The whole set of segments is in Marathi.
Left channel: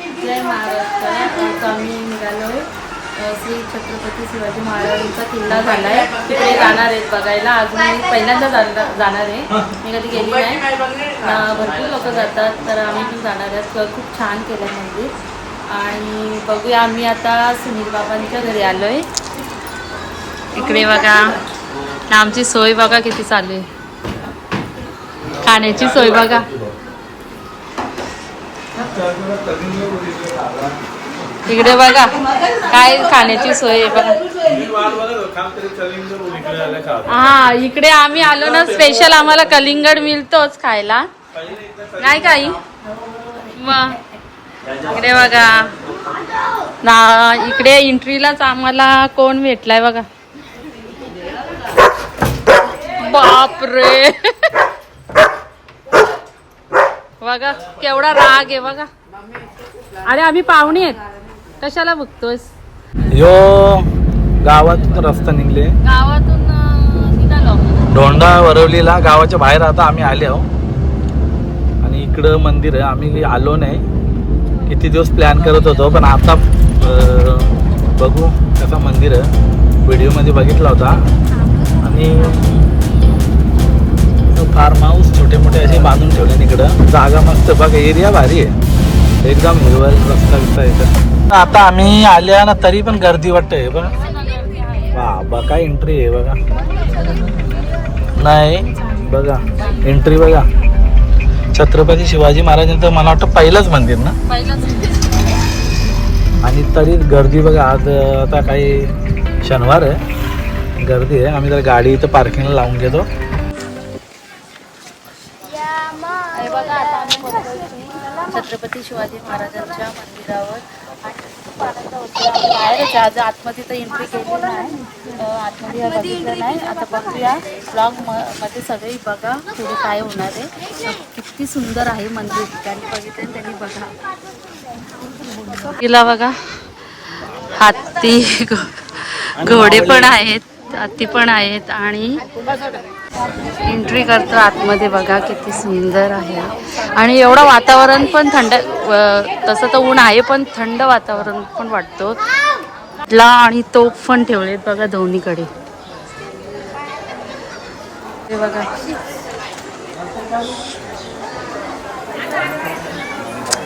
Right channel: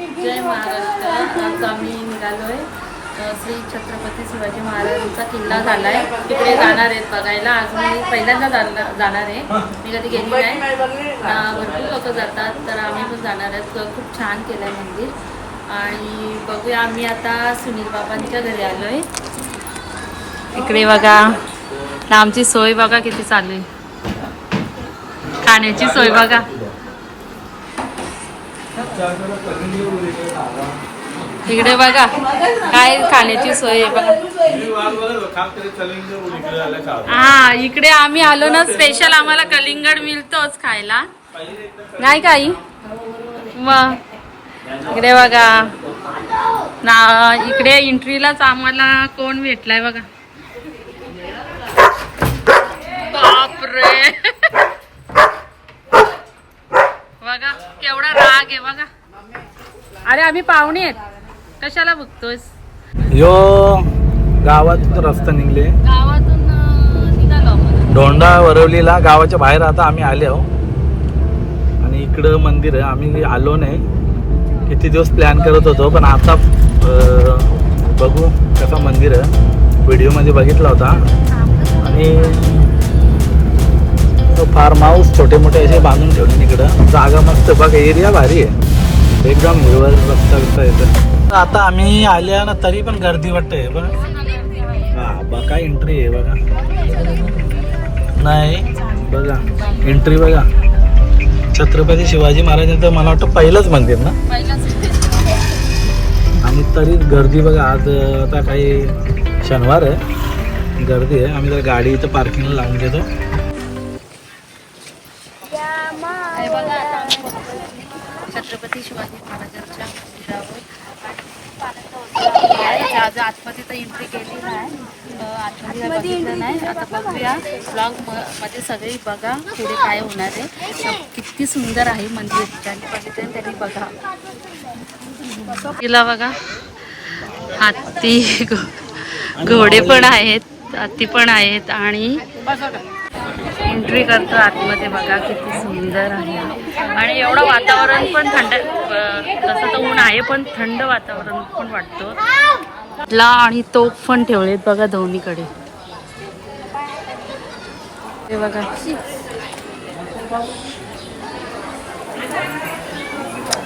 जय महाराष्ट्र. आज आम्ही निघालोय आहे श्री छत्रपती शिवाजी महाराजांचा किल्ला झालाय. तिकडे जाणार आहेत बघायला. अजून मी पहिल्यांदा जाणार जाणार आहे. मी कधी गेली नाही. भरपूर लोक जातात तर आम्ही पण जाणार आहेत खूप छान केलं आहे मंदिर. आणि बघूया आम्ही आता सुनील बाबांच्या घरी आलोय. इकडे बघा. आमची सोय बघा किती चालू आहे. खाण्याची सोय बघा. इकडे बघा काय खाण्याची सोय आहे बघा. हा इकडे आम्ही आलो ना स्पेशल आम्हाला कलिंगड मिळतोच खायला. नाही काही मग इकडे बघा. ना इकडे एंट्रीलाच आम्हाला कोण भेटलाय बघा. बापरे. बघा केवढा राग आहे बघा. अरे आम्ही पाहुणे आहेत. कशाला बघतोयस? यो गावात रस्ता निघले. गावातून निघालो धोंडा वरवलीला गावाच्या बाहेर आता आम्ही आले आहो. आणि इकडं मंदिर आहे आम्ही आलो नाही. किती दिवस प्लॅन करत होतो पण आता बघू कसं मंदिर आहे. व्हिडिओमध्ये बघितला होता. आणि फार्म हाऊस छोटे मोठे असे बांधून ठेवले इकडं. जागा मस्त बघ एरिया भारी आहे. एकदम हिरवळ रस्ता बिस्ता येतं आता आम्ही आल्या ना तरी पण गर्दी वाटते बघ. बाबा काय एंट्री आहे बघा. नाही बघा एंट्री बघा. छत्रपती शिवाजी महाराजांचं मला वाटतं पहिलंच मंदिर ना? आणि तरी गर्दी बघा आज आता काही शनिवार आहे. गर्दी आहे. आम्ही जर गाडी इथं पार्किंगला लावून घेतो. छत्रपती शिवाजी महाराजांच्या मंदिरावर. बाहेर बाहेरच आज आतमध्ये तर एंट्री केली नाही. आतमध्ये बघितलं नाही. आता बघूया. ब्लॉगमध्ये सगळी बघा पुढे काय होणार आहे. किती सुंदर आहे मंदिर. ज्यांनी बघितलं त्यांनी बघा. तिला बघा. हत्ती घो- घोडे पण आहेत. हत्ती पण आहेत आणि एंट्री करतो आतमध्ये बघा किती सुंदर आहे. आणि एवढं वातावरण पण थंड तसं तर ऊन आहे पण थंड वातावरण पण वाटतो. ला आणि तोफ पण ठेवलेत बघा दोन्हीकडे ते बघा.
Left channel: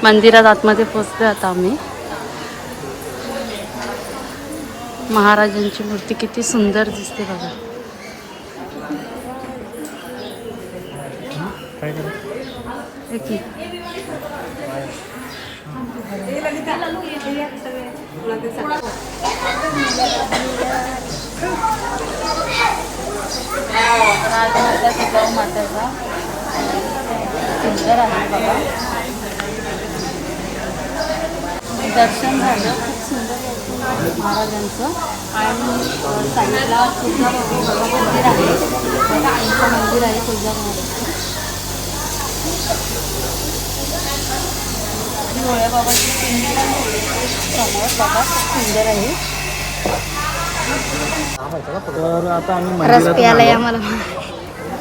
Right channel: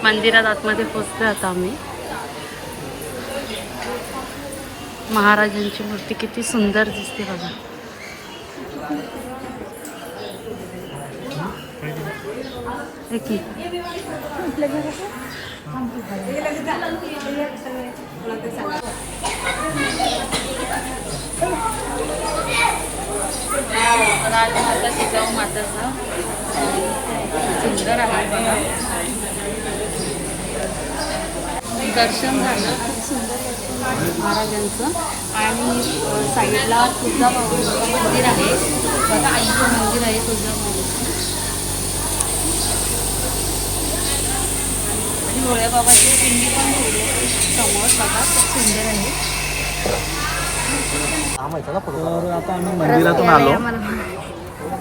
मंदिरात आतमध्ये पोचतोय आता आम्ही. महाराजांची मूर्ती किती सुंदर दिसते बघा हे की राजमाता जिजाऊ माताचा सुंदर आहे बघा दर्शन झालं खूप सुंदर दर्शन महाराजांचं आणि साईडला तुळजा मंदिर आहे बघा आईचं मंदिर आहे तुळजा महाराज आणि बाबाची पिंडी पण ठेवली समोर बघा खूप सुंदर आहे. तर आता आम्ही मंदिरातून आलो.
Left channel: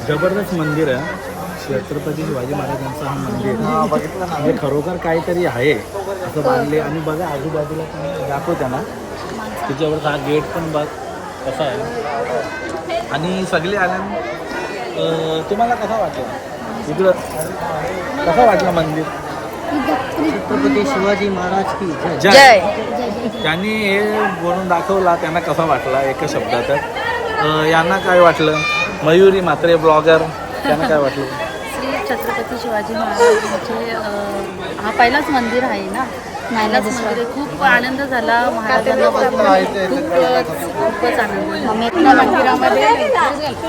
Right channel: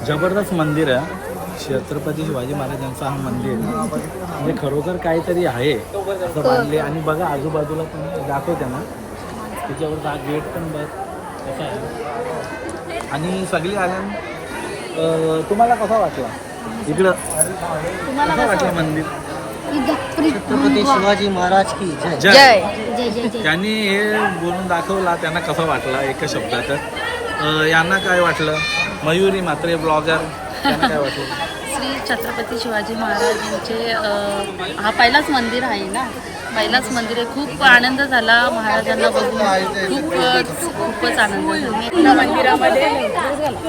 जबरदस्त मंदिर आहे. छत्रपती शिवाजी महाराजांचं हा मंदिर. म्हणजे खरोखर काहीतरी आहे असं बांधले. आणि बघा आजूबाजूला पण दाखव त्यांना तिच्यावर हा गेट पण बघ कसा आहे. आणि सगळे आल्यान तुम्हाला कसा वाटला? इकडं. कसा वाटला मंदिर? छत्रपती शिवाजी महाराज. की जय जय. त्यांनी हे बोलून दाखवला त्यांना कसा वाटला एका शब्दात? अं, यांना काय वाटलं? मयुरी म्हात्रे ब्लॉगर त्यांना काय वाटलं? श्री छत्रपती शिवाजी महाराजांचे अं, हा पहिलाच मंदिर आहे ना? पहिलाच मंदिर आहे. खूप आनंद झाला महाराजांना बघून. खूपच खूपच आनंद झाला. मंदिरामध्ये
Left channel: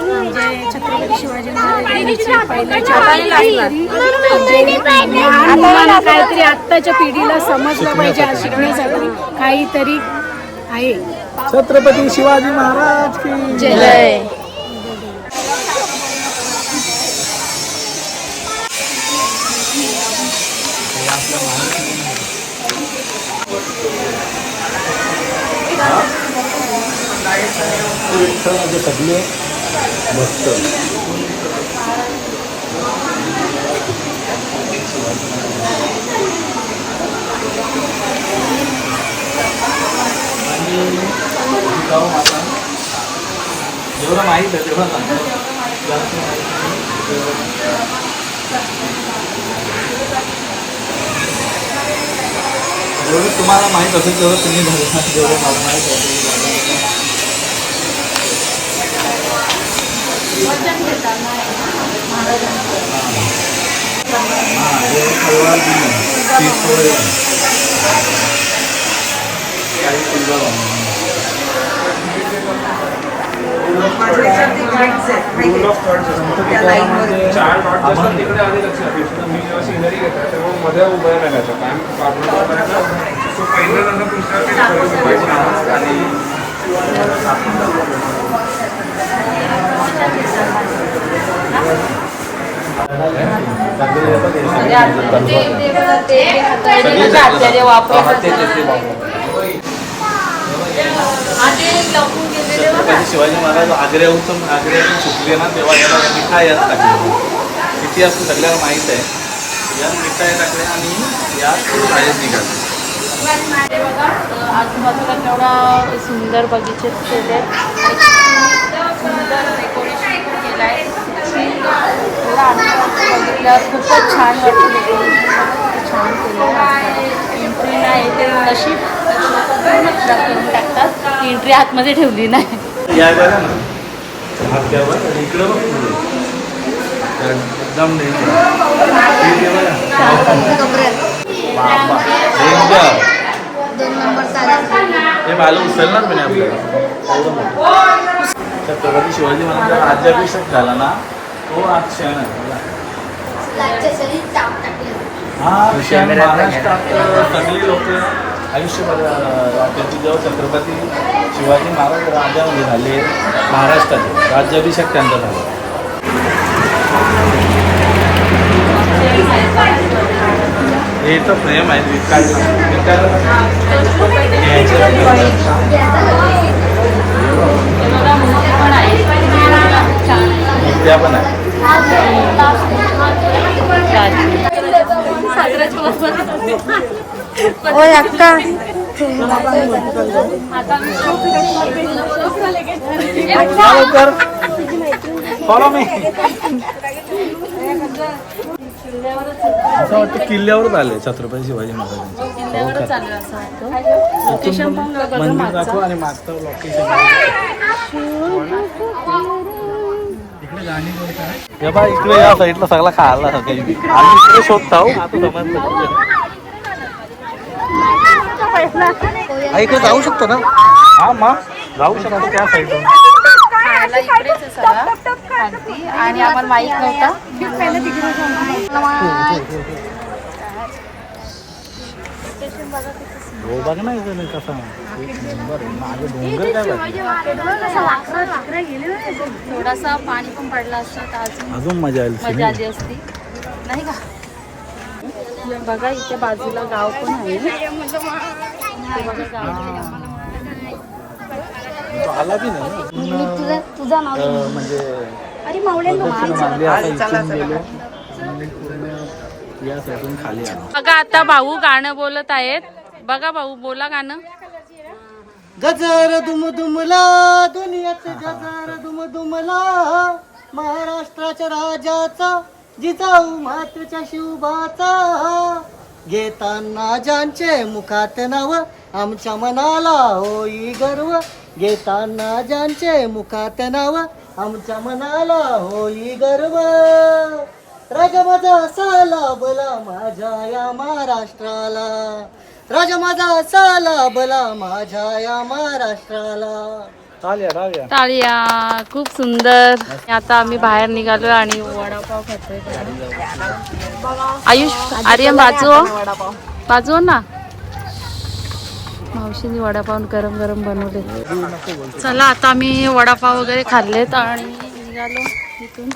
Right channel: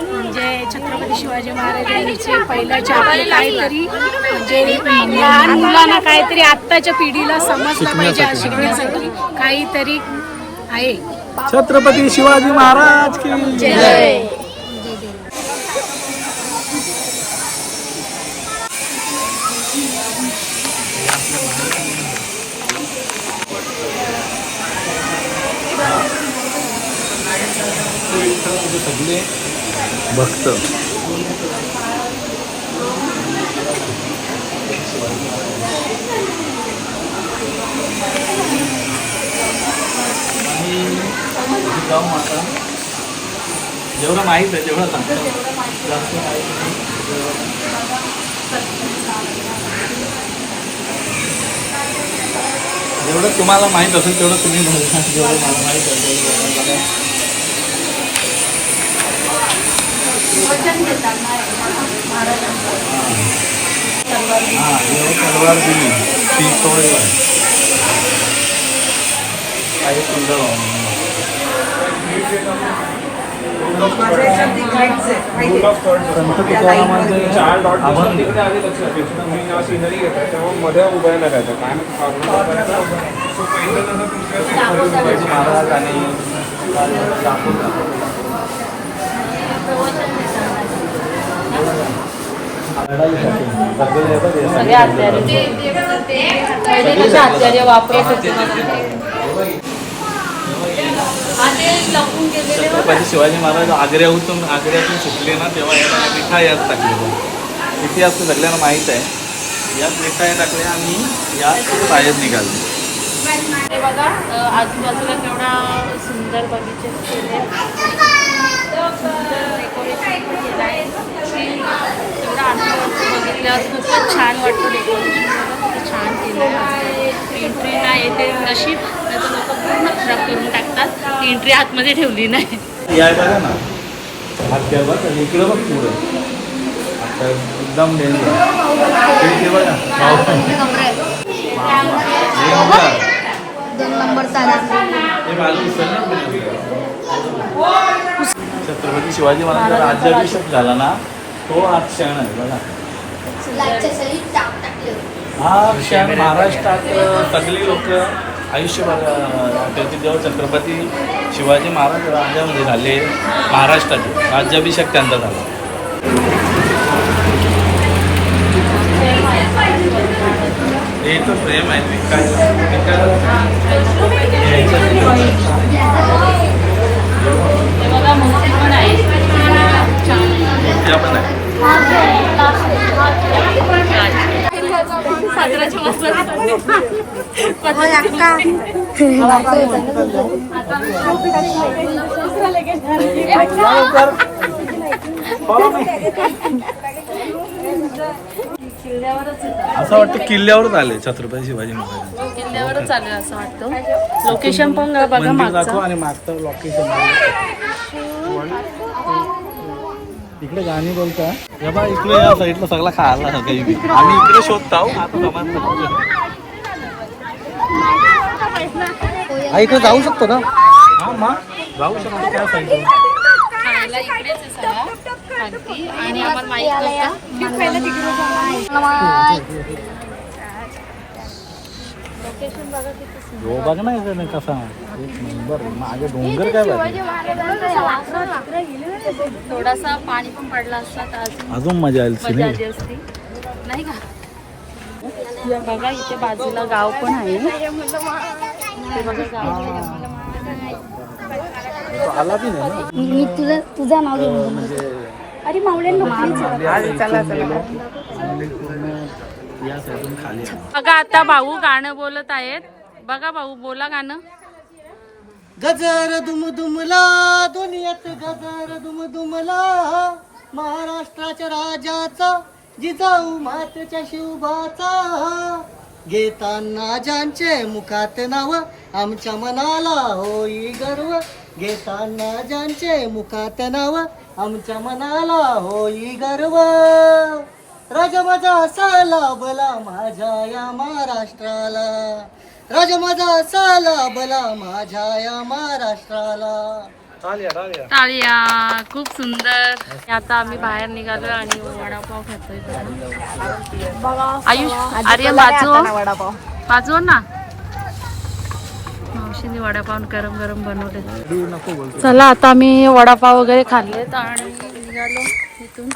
म्हणजे छत्रपती शिवाजी महाराजांचे पहिल्याचे आपले काहीतरी म्हणजे लहान मुलांना काहीतरी आत्ताच्या पिढीला समजलं पाहिजे शिकण्यासाठी काहीतरी आहे. छत्रपती शिवाजी महाराज की जय. म्हणजे सगळे भक्त जाऊ माता. जेवढं माहीत आहे तेवढं सांगतो जास्त माहीत जेवढं तुम्हाला माहीत असेल तेवढं तुम्ही जेवढं मला माहीत आहे चार डॉट दिसतात तिकडे आले लक्षात मी जेव्हा सिनरी घेतला तेव्हा मध्ये उभं राहिला होता आणि सो आणि आचार्य वापरत शिवाजी महाराज आग्र्याहून आग्र्यातून सुटले ना तेव्हा त्याला निखा यात टाकले इतिहास सगळ्यांना माहीत आहे. यात मिठा या टाकल्या आणि यात बाहेर निघाले. बघा आजूबाजूला केवढा सुंदर बगीचे केले सुंदर डेकोरेशन पण केलं आहे एवढा आनंद वाटतो खूपच छान वाटतं डेकोरेशन किती छान केलं आहे एंट्री नाही येते नशीब लोक पूर्ण खराब करून टाकतात. एंट्री आतमध्ये ठेवली नाही. इकडं छत्रपती शिवाजी महाराजांचा राज्याभिषेक झाला ना. तो हा क्षण आहे बघा. हा क्षण महाराष्ट्रात सगळी लोक आयुष्यभर त्यांचे जेव्हा छत्रपती शिवाजी महाराज राज्यामध्ये झाले महाराष्ट्राचे राज्याभिषेक त्यांचा झाला. हे तर प्रेम आहे विकायला विकायला पण आहे. असं वाटतं किल्ल्यावरच आले छत्रपती शिवाजी महाराजांचे. किल्ल्यावरच आहे असं वाटतं. लोकेशन पण बघा मंदिर. दाखव आणि मागचं लोकेशन इकडे गाणी कोणता हे बा इकडे या साईडला सगळा खायला काही. आम्ही इकडे शोधतो. हा, इकडे जाऊ शकतो ना? हा मग जाऊ शकतो त्या साईडला. खायला इकडेच आहे सगळा. खालती आणि आम्हाला माहीत नव्हता. हो बघ ना इकडे कसा? थोडासा पाणी पण पडला असता तर अजून अजून मजा आली असती नाही का बघा इथे बाजूला गाव पण आहे ते बघा गाव. तो आला की नाही ना? अं, म्हणजे मागे आता या साईडून खाली आलो बघा आता भाऊ गाणं बोलत आहेत. बघा भाऊ बोला गाणं. गजर दुम दुमला दुनियात गजर दुम दुमला महाराष्ट्राच्या राजाचा जिजाऊ मातेच्या शिवबाचा. घेताना ज्यांचे मुखात नाव आमच्या मनाला होई गर्व. घेताना ज्यांचे मुखात नाव आमच्या मनाला होई गर्व. राजा माझा असा लाभला माझ्या या महाराष्ट्राला. राजा माझा असा लाभला माझ्या या महाराष्ट्राला. टाळ्या खूप सुंदर. आता आम्ही बाहेर निघालो आणि वडापाव खातोय बघा. आयुष आर्यन बाजू. हो. बाजू हो ना मावशीने वडापाव गरम गरम बनवले चला आता आम्ही वडापाव वगैरे खाल्लेत आणि निघालो इथून.